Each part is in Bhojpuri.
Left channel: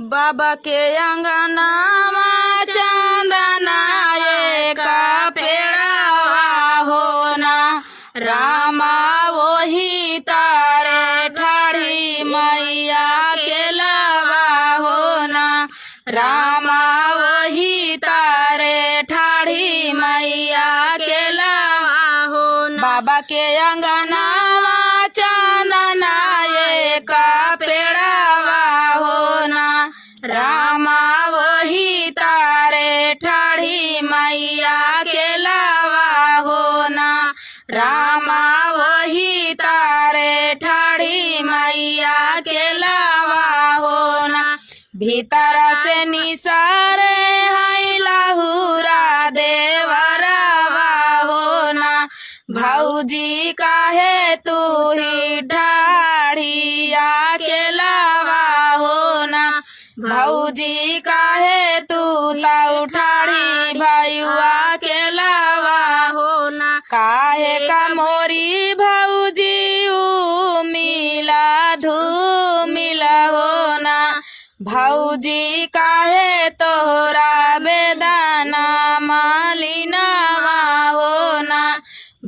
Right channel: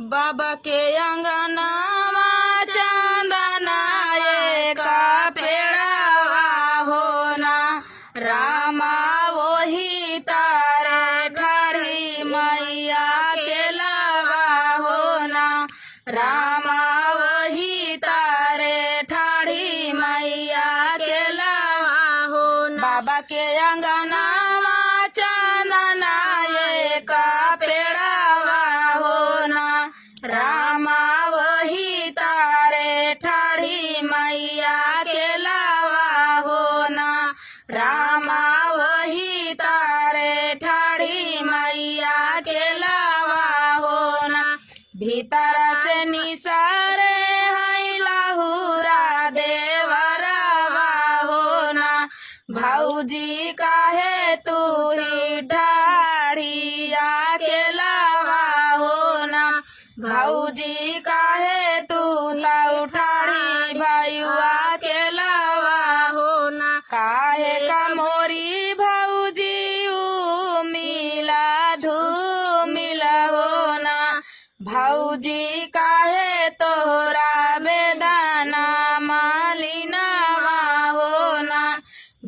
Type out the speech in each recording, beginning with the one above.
बाबा के अंगनावा चंदनाए का पेड़ावा होना रामा वही तारे ठाड़ी मैया के लावा होना रामा वही तारे ठाड़ी मैया के लावा होना बाबा के अंगनावा चंदनाए का पेड़ावा होना रामा वही तारे ठाड़ी मैया के लावा होना रामा वही तारे ठाड़ी मैया के लावा होना भीतर से निसारे है लहुरा देवरवा होना भौजी काहे तू ही ढाढ़िया के लावा होना भौजी काहे तू ताऊ ठाड़ी भैया के लावा होना काहे का मोरी भौजी ऊ मिला धूमिला होना भौजी काहे तोहरा बेदाना मालिनावा होना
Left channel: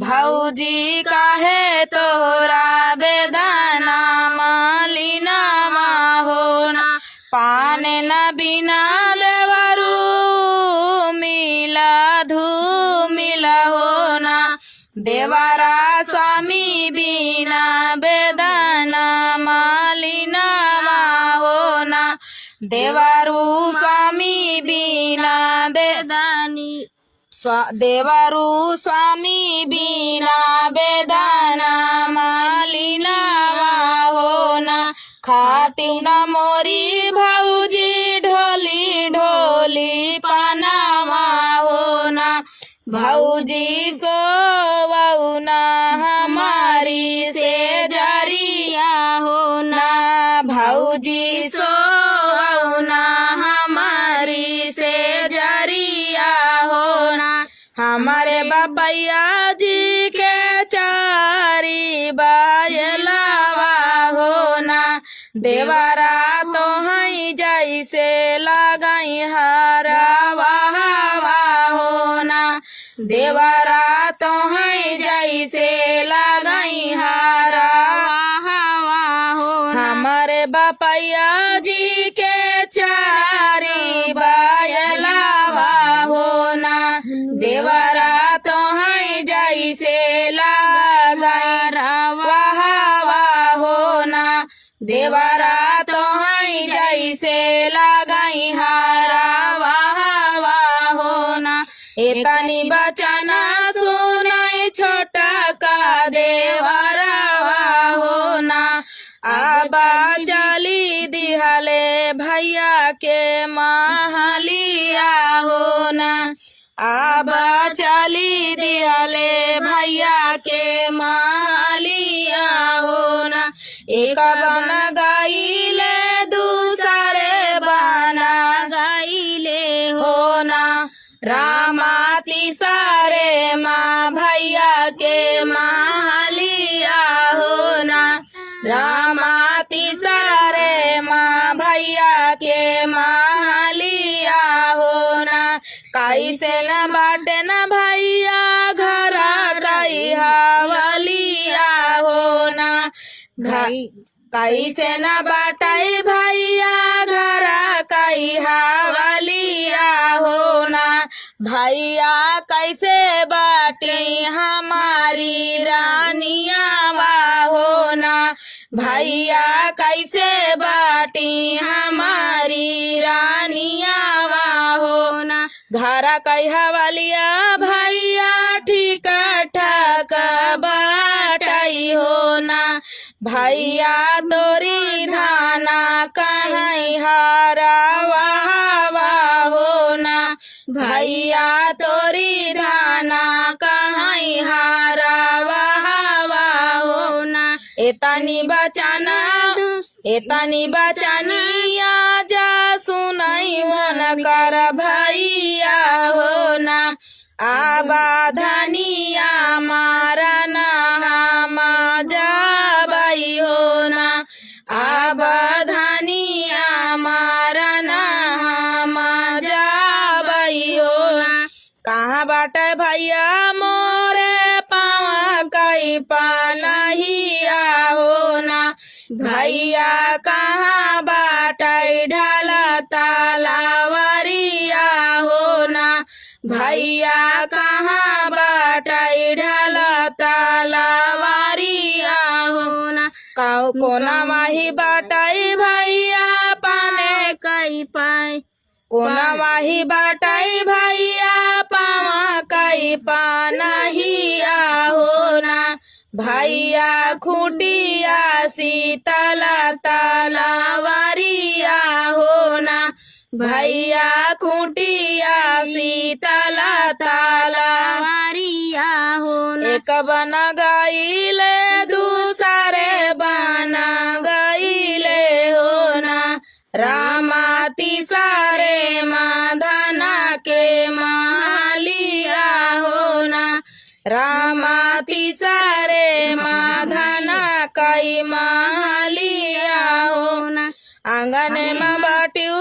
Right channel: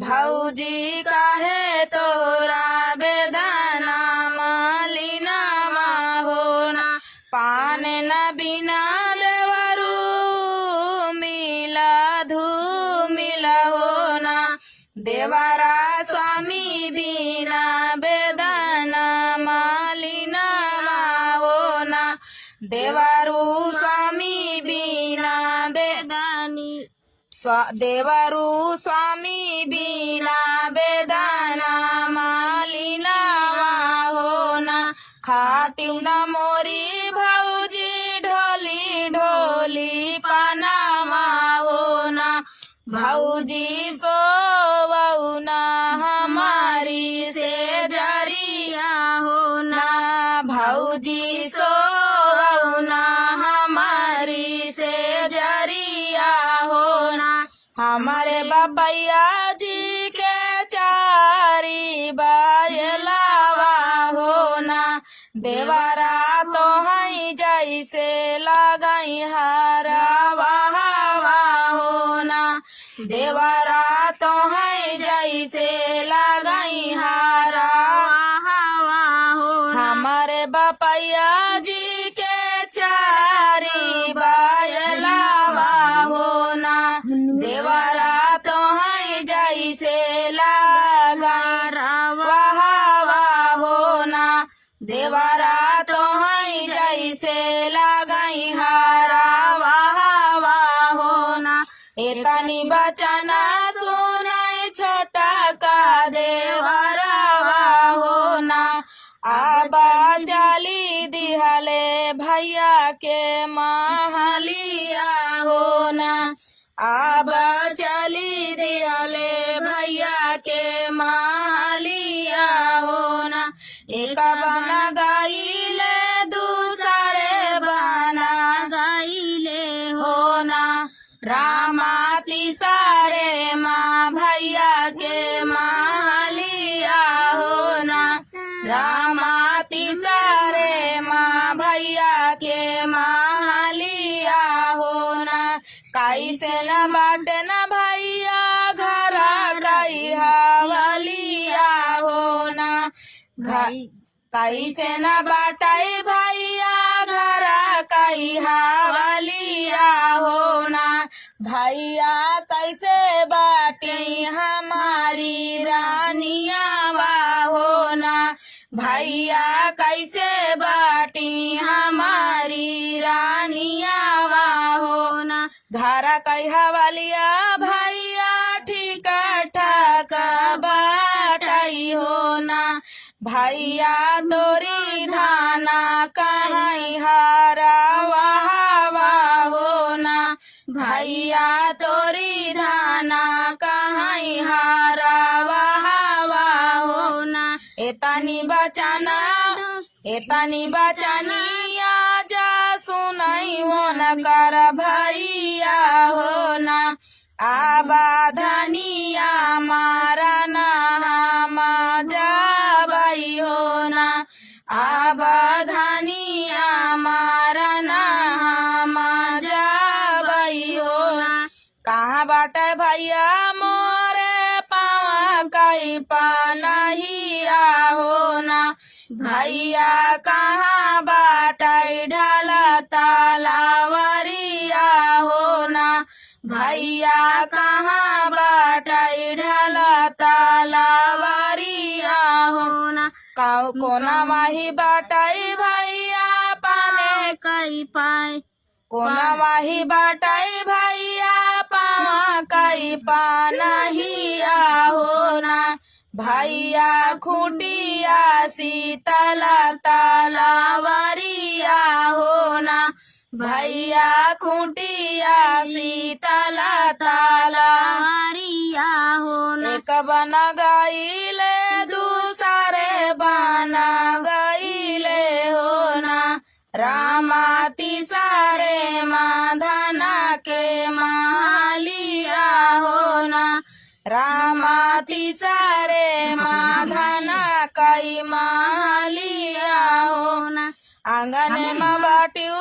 भौजी काहे तोहरा बेदाना मालिनावा होना पान न बिना देवरू मिला धूमिला होना देवरा स्वामी बिना बेदाना मालिनावा होना देवरू स्वामी बिना देदानी देवरू स्वामी बिना बेदाना मालिनावा होना खातिव न मोरी भौजी ढोली ढोली पनावा होना भौजी सोवना हमारी से जरिया होना भौजी सोवना हमारी से जरिया होना हमारे बापैया जी के चारी बायलावा होना देवरा तो हई जैसे लगाई हरावा होना देवरा तो हई जैसे लगाई हरावा होना हमारे बापैया जी के चारी बायलावा होना देवरा तो हई जैसे लगावा होना देवरा तो हई जैसे लगाई हरावा होना एतनी बचना सुनई छोटा का देवरावा होना आबा चली दिहले भैया के महलिया होना आबा चली दिहले भैया के महलिया होना एक बना गाइले दूसरे बना गाइले होना रामा तिसारे माँ भैया के महलिया होना रामा तिसारे माँ भैया के महलिया होना कैसे न बाटे न भैया घरा कई हवलिया होना कैसे न बाटाई भैया घरा कई हवलिया होना भैया कैसे बाटी हमारी रानियावा होना भैया कैसे बाटी हमारी रानियावा होना घरा कई हवलिया भैया ठीक ठाक बाटाई होना भैया तोरी धाना कहीं हरावा होना भैया तोरी धाना कहीं हरावा होना एतनी बचानिया जा सुनाई वन कर भैया होना आबा धनिया मारा ना जा होना अब धनिया मारा भैया कहाँ बाटै ढाला तालावरिया हो ना, भैया कहाँ बाटै ढाला तालावरिया हो ना, कोना माही बाटै भैया पाने कई पाए, कोना माही बाटै भैया पावा कई पानहिया हो ना, भैया खुटिया शीतला तालावरिया हो ना, भैया खुटिया शीतला तालावरिया हो ना, एक बन गईले दूसरे बन गईले हो ना, रामा तिसरे माधना के मालिया हो ना, रामा तिसरे माधना कई मालिया हो ना, आंगन में बाट्यू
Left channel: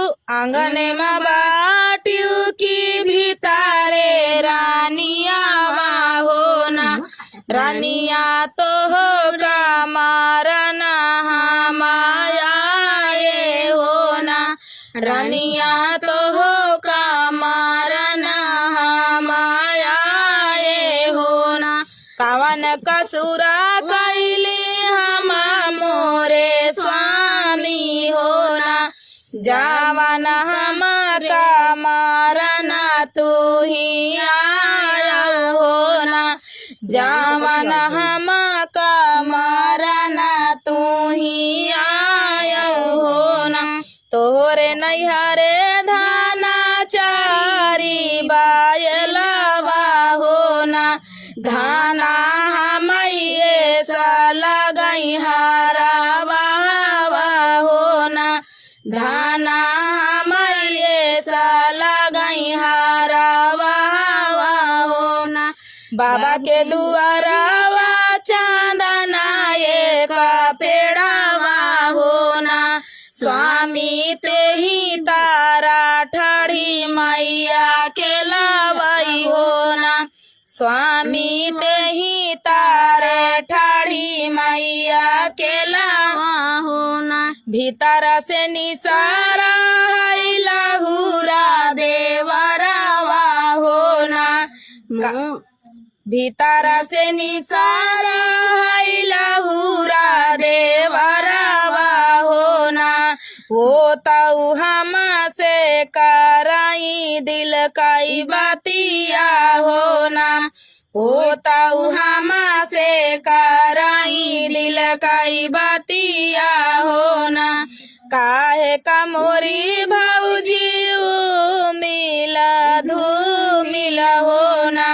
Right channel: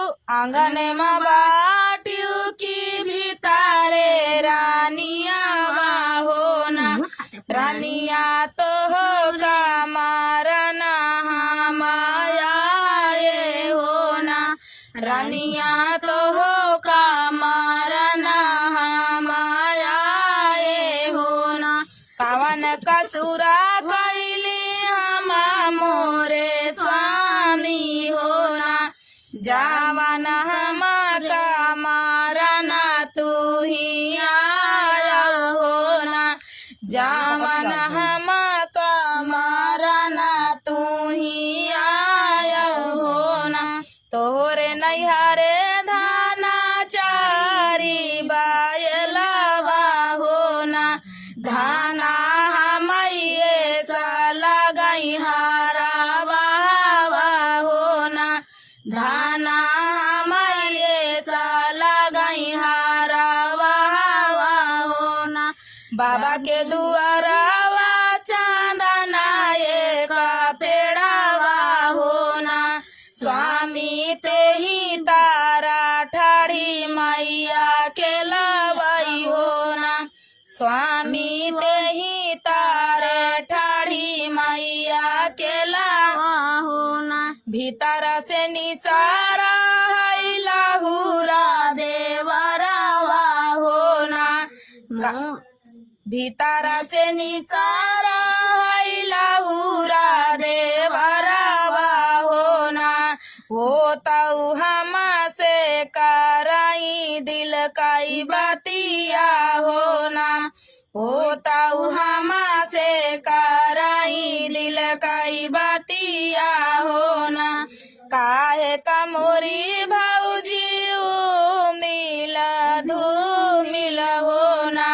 की भीतरे रानिया हो ना, रानिया तो हो का मारना माया हो ना, रानिया तो हो का मारना माया हो ना, कावन कसुरा कैली हम मोरे स्वामी हो ना, जावन हम का मारना तू ही आया हो ना, जावन हम का मारना तू ही आया हो ना, तोरे नैहरे धाना चारी बायलवा हो ना, धाना हमये सा लगई हरावा हो ना, धाना हमये सा लगई हरावा हो ना, बाबा के दुआरावा चंदना एक पेड़ावा हो ना, स्वामी ते ही तारा ठाड़ी मैया के लावाई हो ना, स्वामी ते ही तारा ठाड़ी मैया के लावा हो ना, भीतर से निसारा है लाहुरा देवरावा हो ना, भीतर से निसारा है लाहुरा देवरावा हो ना, वो तऊ हम से कराई दिल काई बातिया हो ना, वो तऊ हम से कराई दिल काई बातिया हो ना, काहे का मोरी भौजी मिला धूमिल हो ना,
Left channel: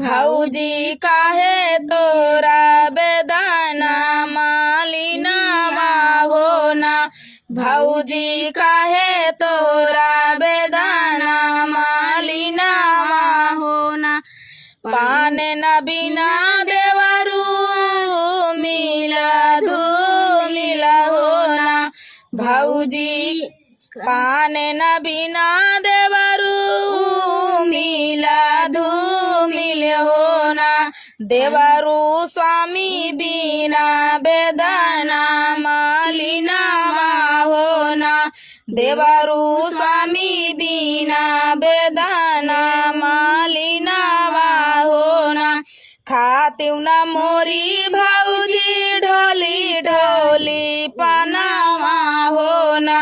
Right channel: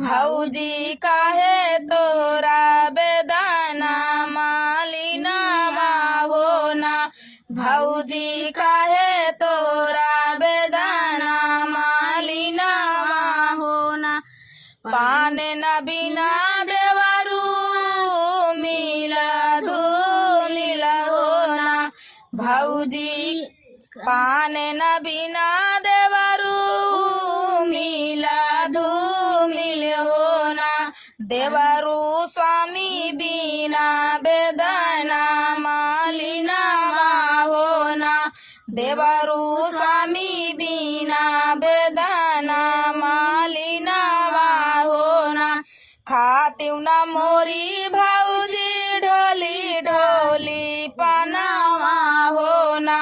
भौजी काहे तोरा बेदाना मालिना हो ना, भौजी काहे तोरा बेदाना मालिना हो ना, पान न बिना देवरू मिला धूमिल हो ना, भौजी पान न बिना देवरू मिला धूमिल हो ना, देवरू स्वामी बिना बेदना मालिना हो ना, देवरू स्वामी बिना बेदना मालिना हो ना, खातिउ न मोरी भौजी ढोली ढोली पनावा हो ना,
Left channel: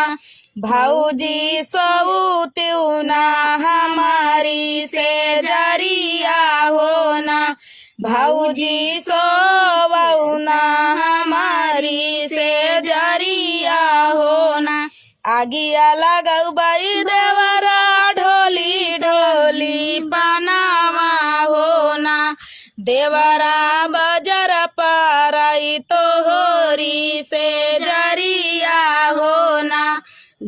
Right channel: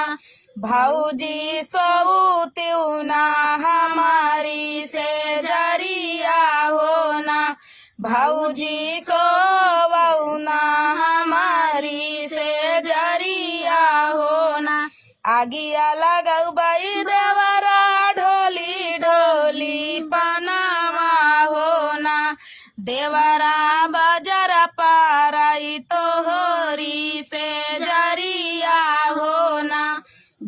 भौजी सऊतिउ ना हमारी से जरिया हो ना, भौजी सोवऊ ना हमारी से जरिया हो ना, आगिया लगऊ बई देवरा ढोली ढोली पनावा हो ना, देवरा बजर पारई तोहरी से जरिया हो ना,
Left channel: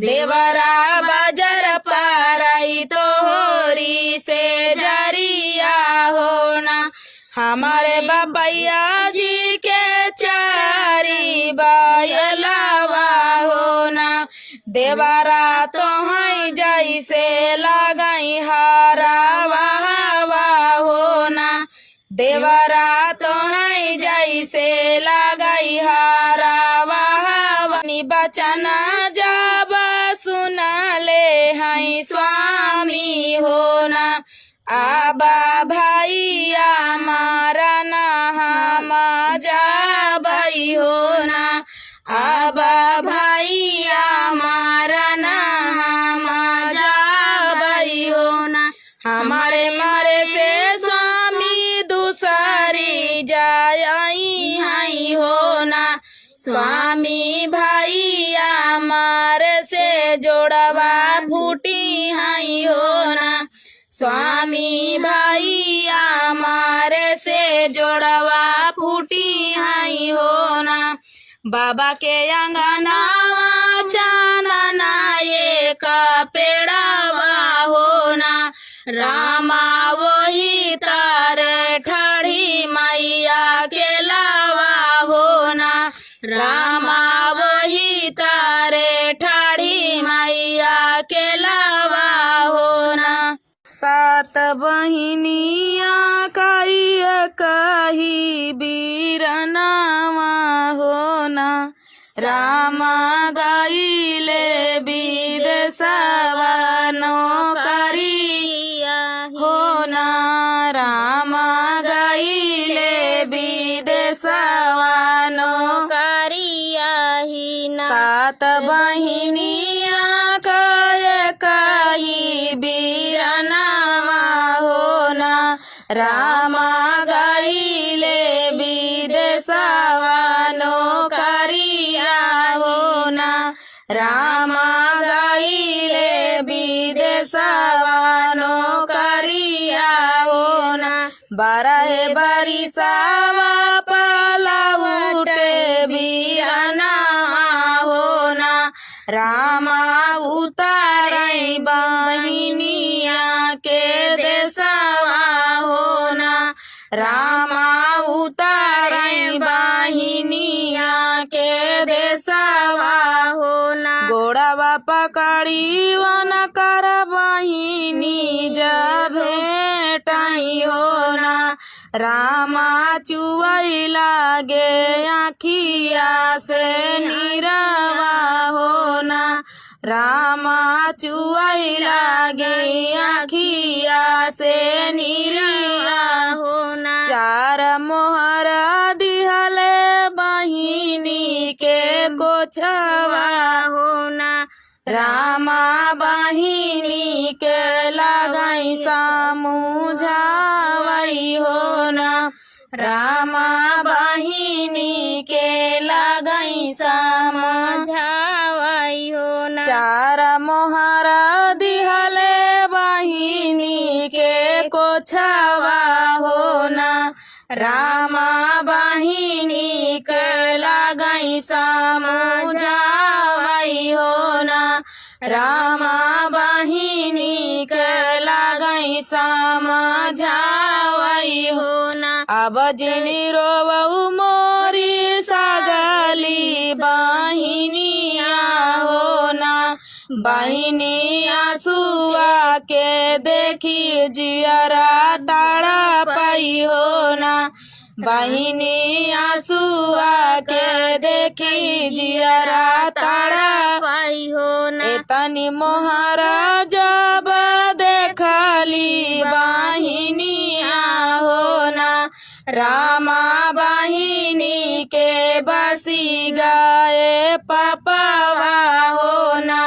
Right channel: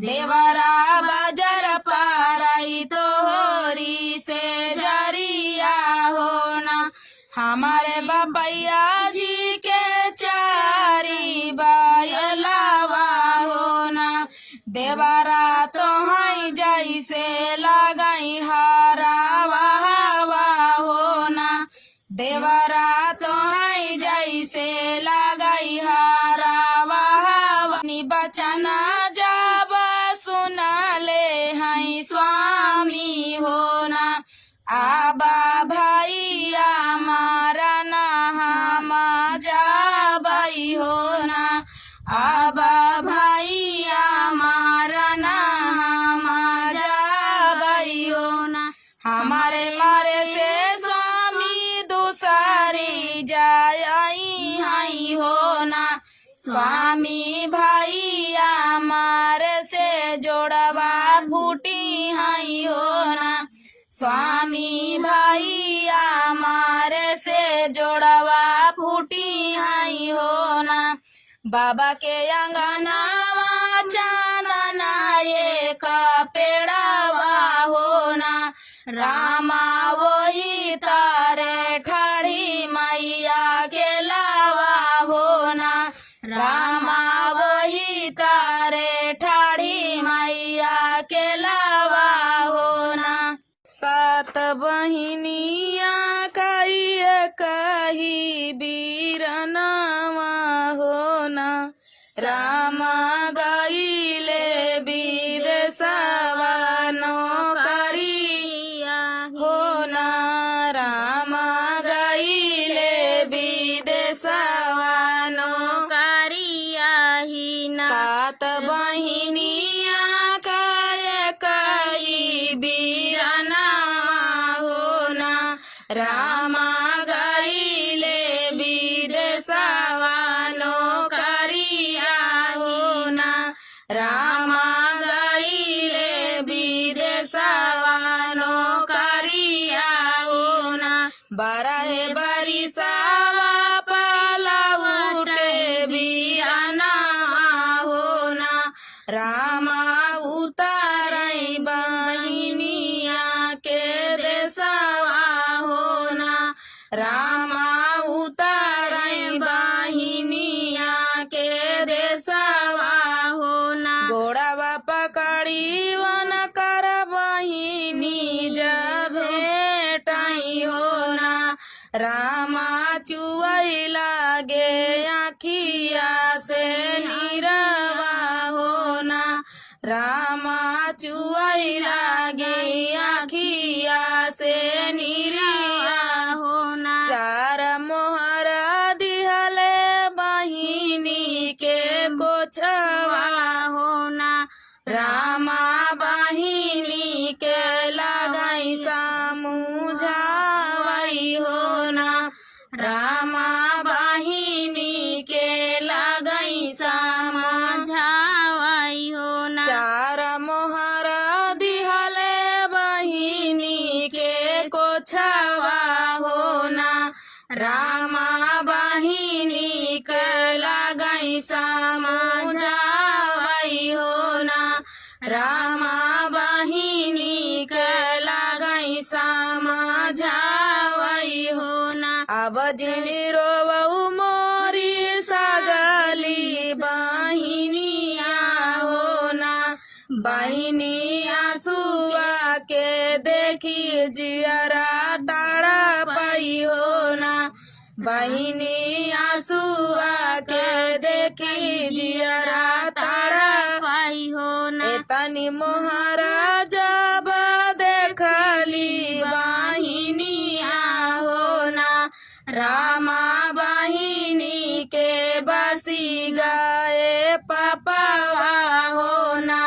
देवरा बजर पारई तोहरी से जरिया हो ना, हमारे बपैया जी के चारी बायलावा हो ना, देवरा तो है जैसे लगई हरावा हो ना, देवरा तो है जैसे लगई हरावा बचना जब सुनले हैं स्वामी हो ना। आबा भैया मारा ना हम जाबई हो ना। आबा भैया मारा ना हम जाबई हो ना। हमारे मारे से स्वामी दूसरी जाई हई हो ना। स्वामी भैया मारे से जोड़वा फूटी हई हो ना। स्वामी भैया मारे से जोड़वा फूटी हई हो ना। बाबा के अंगनावा चांदना ये का पेड़ावा हो ना। रामा वही तार ठाड़ी मैया के लावा हो ना। रामा वही तारे ठाड़ी मैया के लावा हो ना। सात बहिनिया कही बीरनावा हो ना। रामा गईले विदेशवा नौकरिया हो ना। रामा गईले विदेशवा नौकरिया ही ना। सात बहिनिया कही बीरनावा हो ना। रामा गईले विदेशवा नौकरिया हो ना। रामा गईले विदेशवा नौकरिया हो ना। बारह बरिसावा पलउटे बीरनावा हो ना। रामा उतारई बहिनिया के देशवा हो ना। रामा उतारई बहिनिया के देशवा हो ना। गोड़वा पकड़ी वन कर बहिनी जब भेटई हो ना। रामा चुवई लागे आखिया से नीरवा हो ना। रामा चुवई लागे आखिया से नीरवा हो ना। चार मोहर दिहले बहिनी के कोछवा हो ना। रामा बहिनी के लगई समझावई हो ना। रामा बहिनी के लगई समझावई हो ना। चार मोहर दिहले बहिनी के कोछवा हो ना। रामा बहिनी के लगई समझावई हो ना। रामा बहिनी के लगई समझावई हो ना। अब जिनी रोवऊ मोरी सगली बहिनिया हो ना। बहिनी आंसुआ के देखी जियरा ताड़ा पाई हो ना। बहिनी आंसुआ के देखी जियरा ताड़ा पाई हो ना। एतनी मोहरा जब देखली बहिनिया हो ना। रामा बहिनी के बसी गए पपवा हो ना।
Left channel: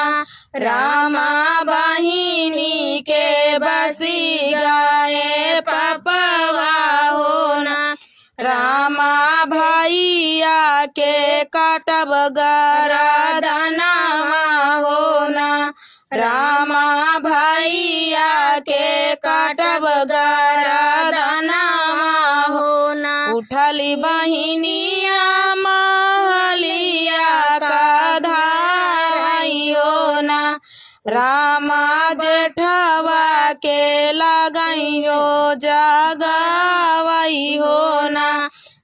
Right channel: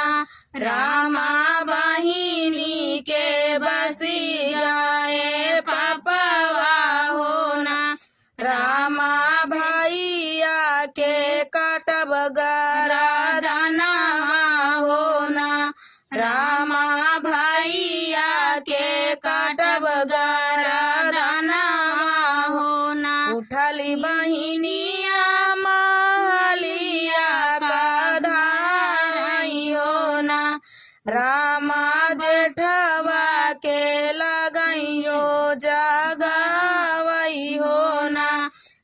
रामा बहिनी के बसी गए पपवा हो ना। रामा भैया के काटब गरदनवा हो ना। रामा भैया के काटब गरदनवा हो ना। उठली बहिनिया महलिया का धारई हो ना। रामा जेठवा के लगइयो जगवई हो ना।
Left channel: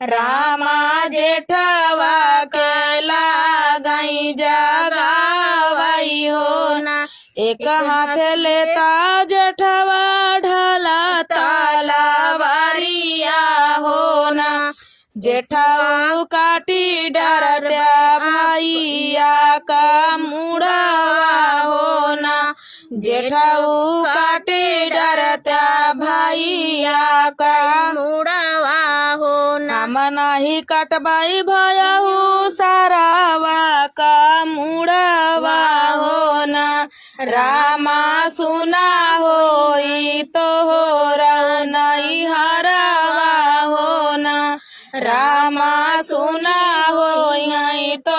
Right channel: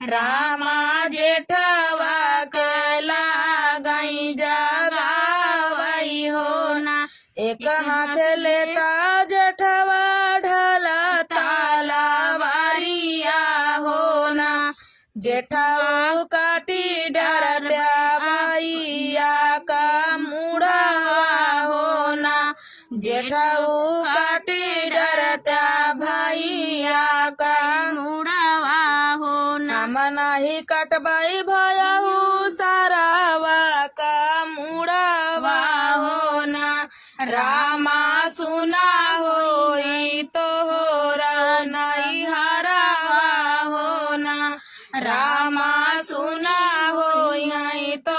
रामा जेठवा के लगई जगवई हो ना। एक हाथ लेता जेठवा ढला तलवारिया हो ना। जेठाऊ काटी डरत्या भैया का मुड़ावा होना। जेठाऊ काटी डरत्या भैया का मुड़ावा होना। हम नहीं कटबाई भयऊ सारावा का मुड़ावा होना। रामा सुना होई तो रऊ नहीं हरावा होना। रामा सुना होई तो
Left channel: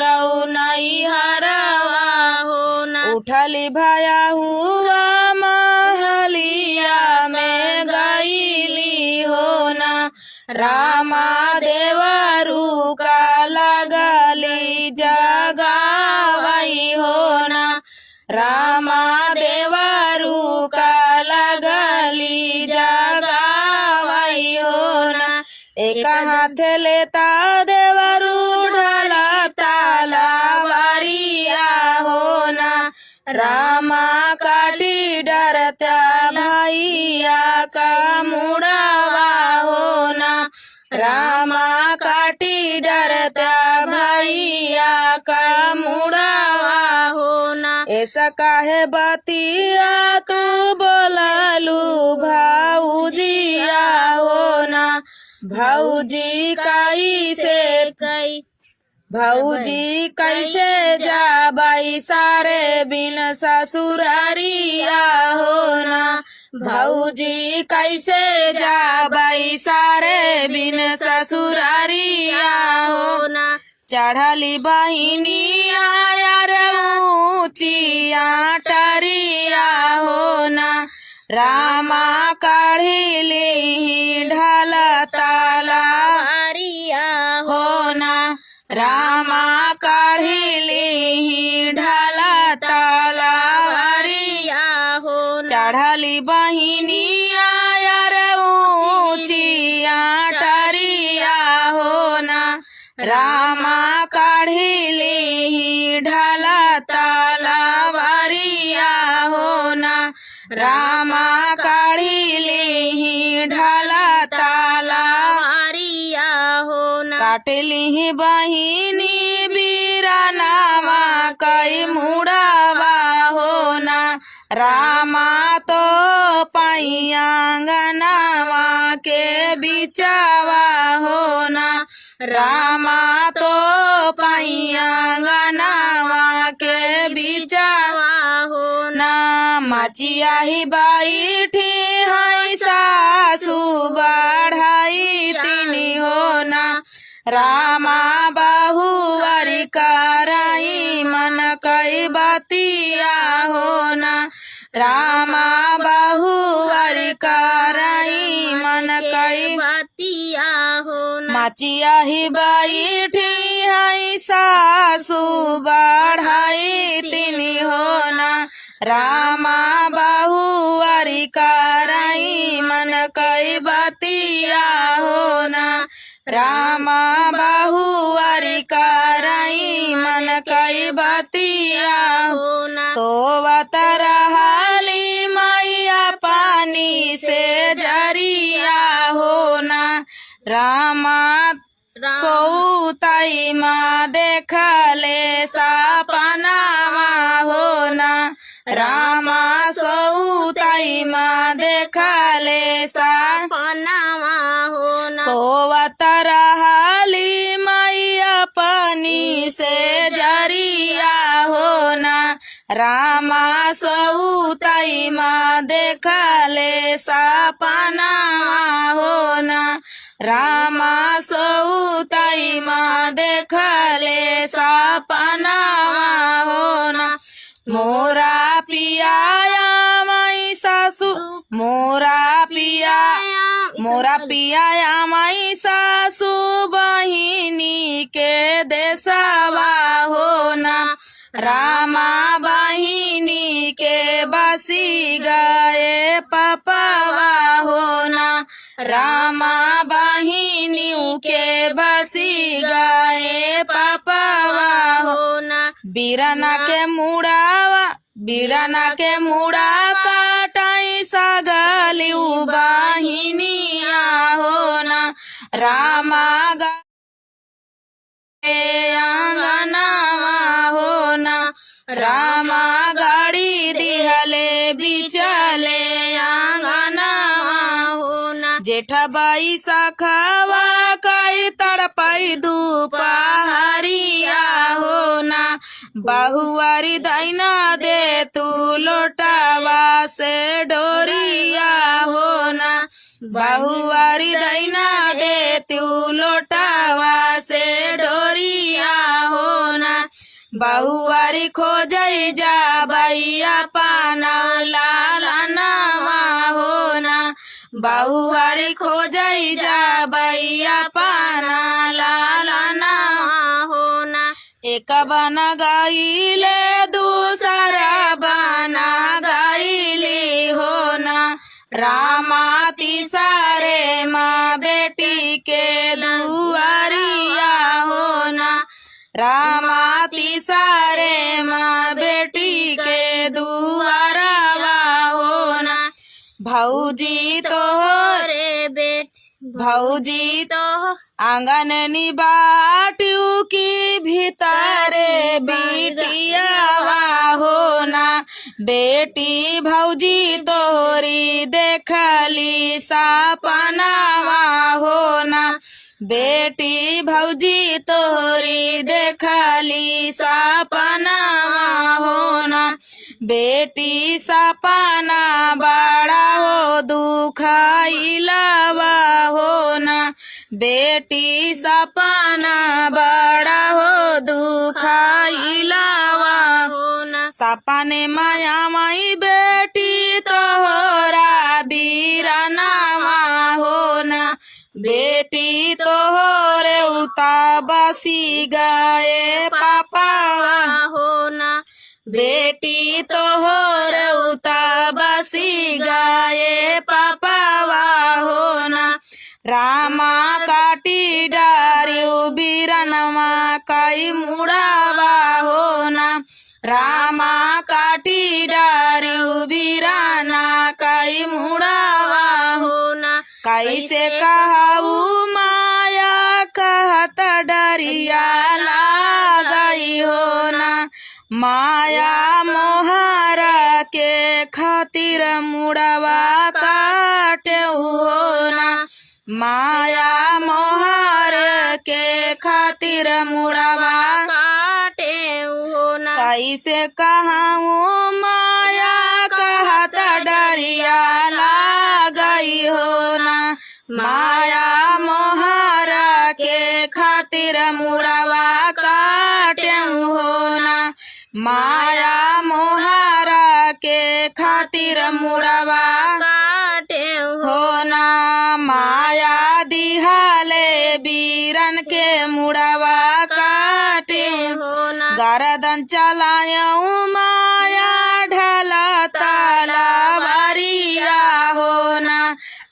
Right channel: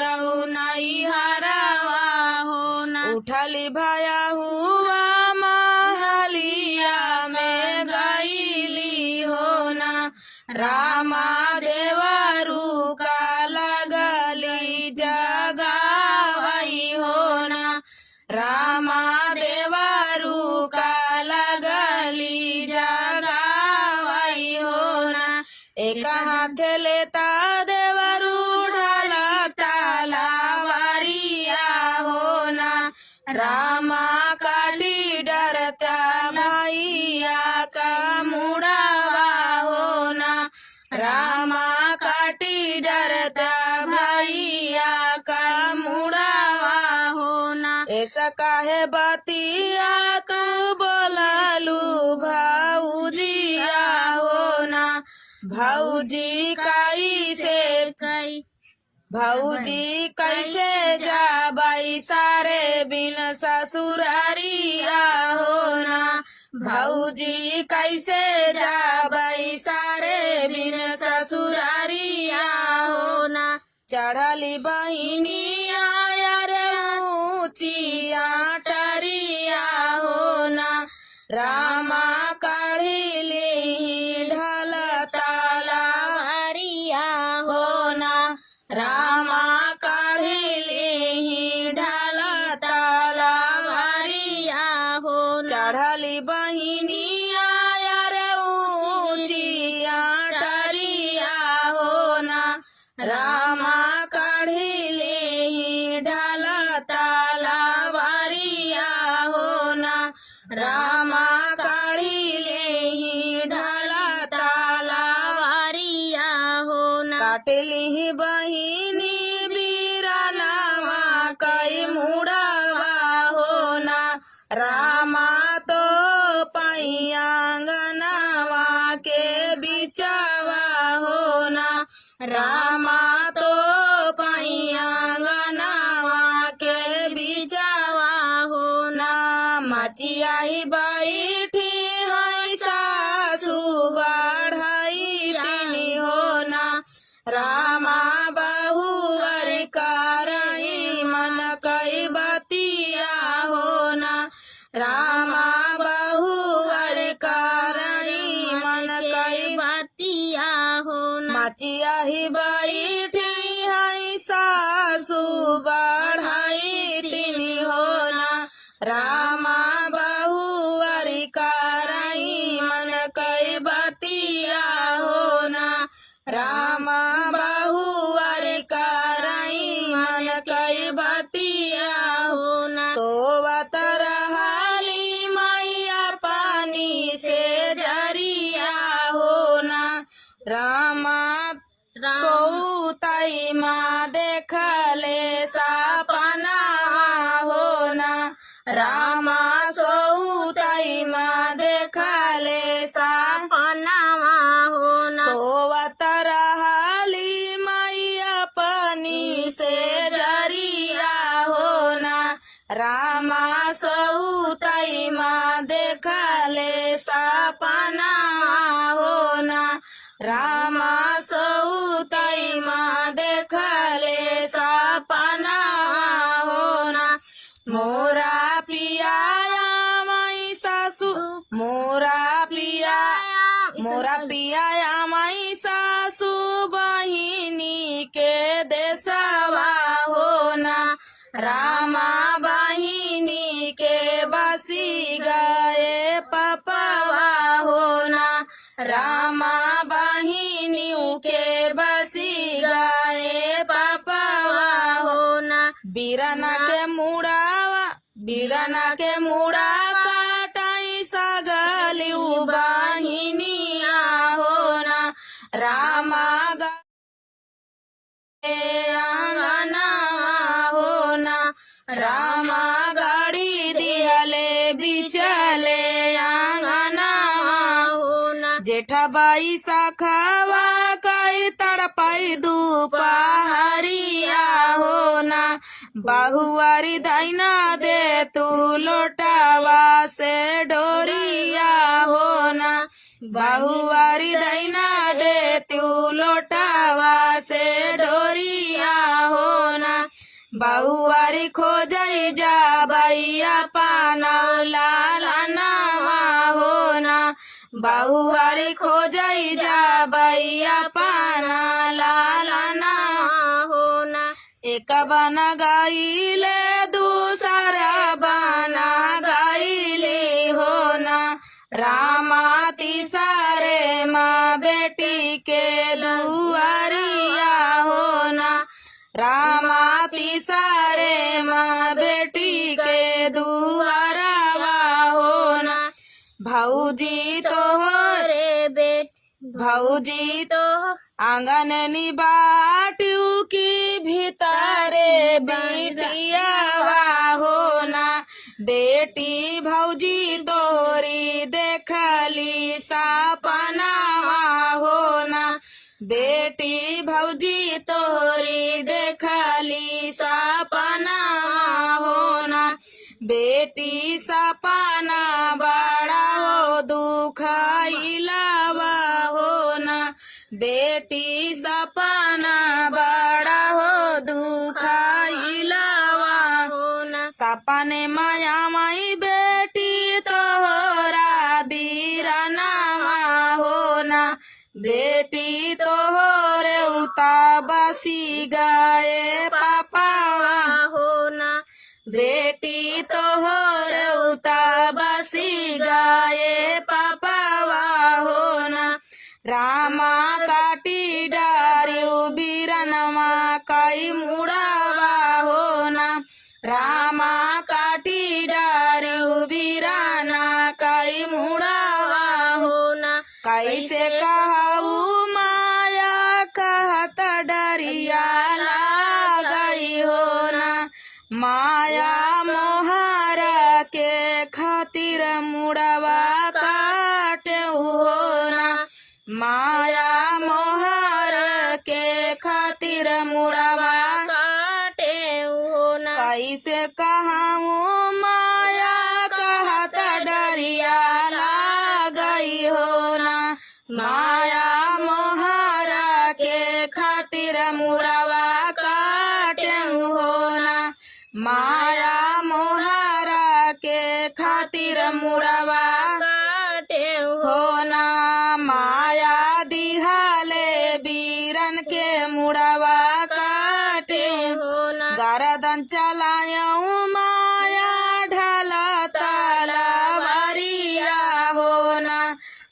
रऊ नहीं हरावा होना। उठली भाया हुआ महलिया में गईली होना। रामा देवरू का लगली जगावई होना। रामा देवरू का लगली जगावई होना। एक हाथ लेता देवरू ढला तलवारिया होना। रामा काटी डरत्या भैया का मुड़ावा होना। रामा काटी डरत्या भैया का मुड़ावा होना। ऐसा काहे बतिया तू बोललू भाऊजिया होना। भाऊजी कैसे भाऊजी कैसे जाबाई सारे बिन ससुरारिया होना। भाऊजी कैसे जाबाई सारे बिन ससुरारिया होना। चढ़ली बहिनिया यार ऊंचिया टरिया होना। रामा काढ़िली ढाला तलवारिया होना। रामा काढ़िली ढाला तलवारिया होना। चढ़ली बहिनिया यार ऊंचिया टरिया होना। रामा काढ़िली ढाला तलवारिया होना। रामा काढ़िली ढाला तलवारिया होना। काटली बहिनी बीरानावा कई मुड़ावा होना। रामा तो पैयांगनावा के बिचावा होना। रामा तो पैयांगनावा के बिचावा होना। माचिया ही बैठी है सासू बढ़ाई तिनी होना। रामा बहुवर कराई मन कई बतिया होना। रामा बहुवर कराई मन कई बतिया होना। माचिया ही बैठी है सासू बढ़ाई तिनी होना। रामा बहुवर कराई मन कई बतिया होना। रामा बहुवर कराई मन कई बतिया होना। सोवत रहली मैया पानी से जरिया होना। रामा सौताई माँ देखले सपनावा होना। रामा सौताई माँ देखले सपनावा होना। सोवत रहली मैया पानी से जरिया होना। रामा सौताई माँ देखले सपनावा होना। रामा सौताई माँ देखले सपनावा होना। मोरा पियाया माई सासू मोरा पियाया माई सासू बहिनी के देसावा होना। रामा बहिनी के बसी गए पपावा होना। रामा बहिनी के बसी गए पपावा होना। बीरना के मुड़ा काटाई सगली बहिनिया होना। रामा अंगनावा हो ना रामा गाड़ी दिहले बिचाले अंगनावा हो ना जेठाबाई शाखावा कई तड़पाई दुपहरिया हो ना बहुआरी दैना दे तू लोटावा से डोरिया हो ना बहुआरी दैना दे तू लोटावा से डोरिया हो ना बहुआरी खोजई जा बैया पाना लालनावा हो ना बहुआरी खोजई जा बैया पाना लालनावा हो ना एक बना गाइले दूसरा बना गाइली हो ना रामा तीसरे माँ बेटी के दुआरिया हो ना रामा तीसरे माँ बेटी के दुआरवा हो ना भौजी तो रे बेट भौजी तो आंगन निबाटू की भीतरे बेटियावा हो ना बेटी भौजी तोरी देखली सपनावा हो ना बेटी भौजी तोरी देखली सपनावा हो ना बेटी सपना बड़ा हो दुखाइलावा हो ना बेटी सपना बड़ा हो दुखाइलावा हो ना सपने माया माई बेटी तोहरा बीरानावा हो ना बेटी तोहरे उता बसी गए पापावा हो ना बेटी तोहर उता बसी गए पापावा हो ना रामा काटी डारियो बीरनमा कई मुड़ावा हो ना रामा काटी डारियो बीराना कई मुड़ावा हो ना कैसे कहू माया कहत डरिया लागई हो ना माया मोहर के खातिर मुड़वा काटे हो ना माया मोहर के खातिर मुड़वा काटे हो ना कैसे कहूँ माया कहत डरिया लागई हो ना माया मोहर के खातिर मुड़वा काटे हो ना माया मोहर के खातिर मुड़वा काटे हो ना माया दिहाले बीरन के मुड़वा काटे हो ना गरदन चलायऊ माया ढला तलवारिया हो ना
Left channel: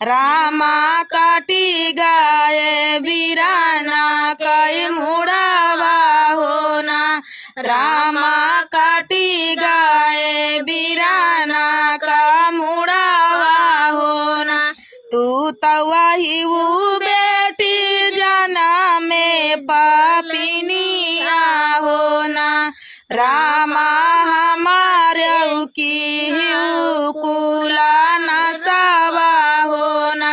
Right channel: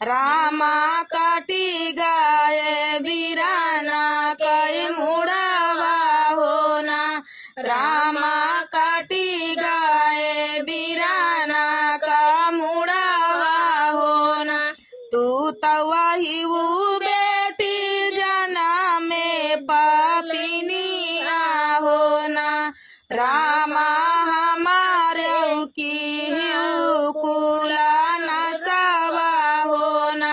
रामा काटी गाये बीराना कई मुड़वा हो ना रामा काटी गाये बीराना का मुड़वा हो ना तू तवाही वो बेटी जाना में पापिनिया हो ना रामा हमारे की कुला नसावा हो ना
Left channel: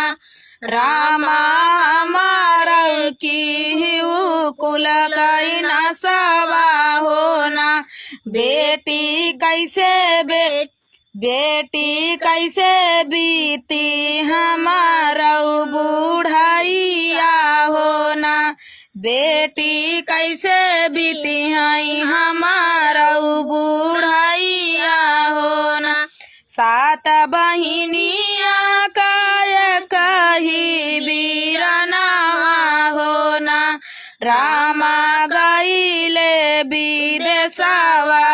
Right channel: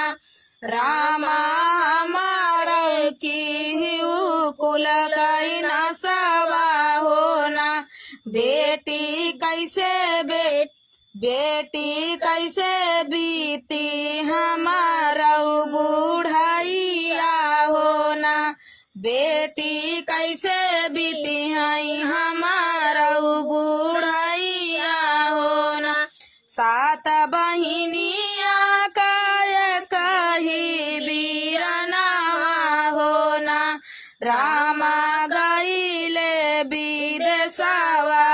रामा हमारा की कुल कई नसावा हो ना बेटी कैसे बेटी कैसे बीती हमारा बुढ़ाइया हो ना बेटी कैसे बीती है हमारा बुढ़ाइया हो ना सात बहिनिया काय कही बीरनावा हो ना रामा गईले विदेशवा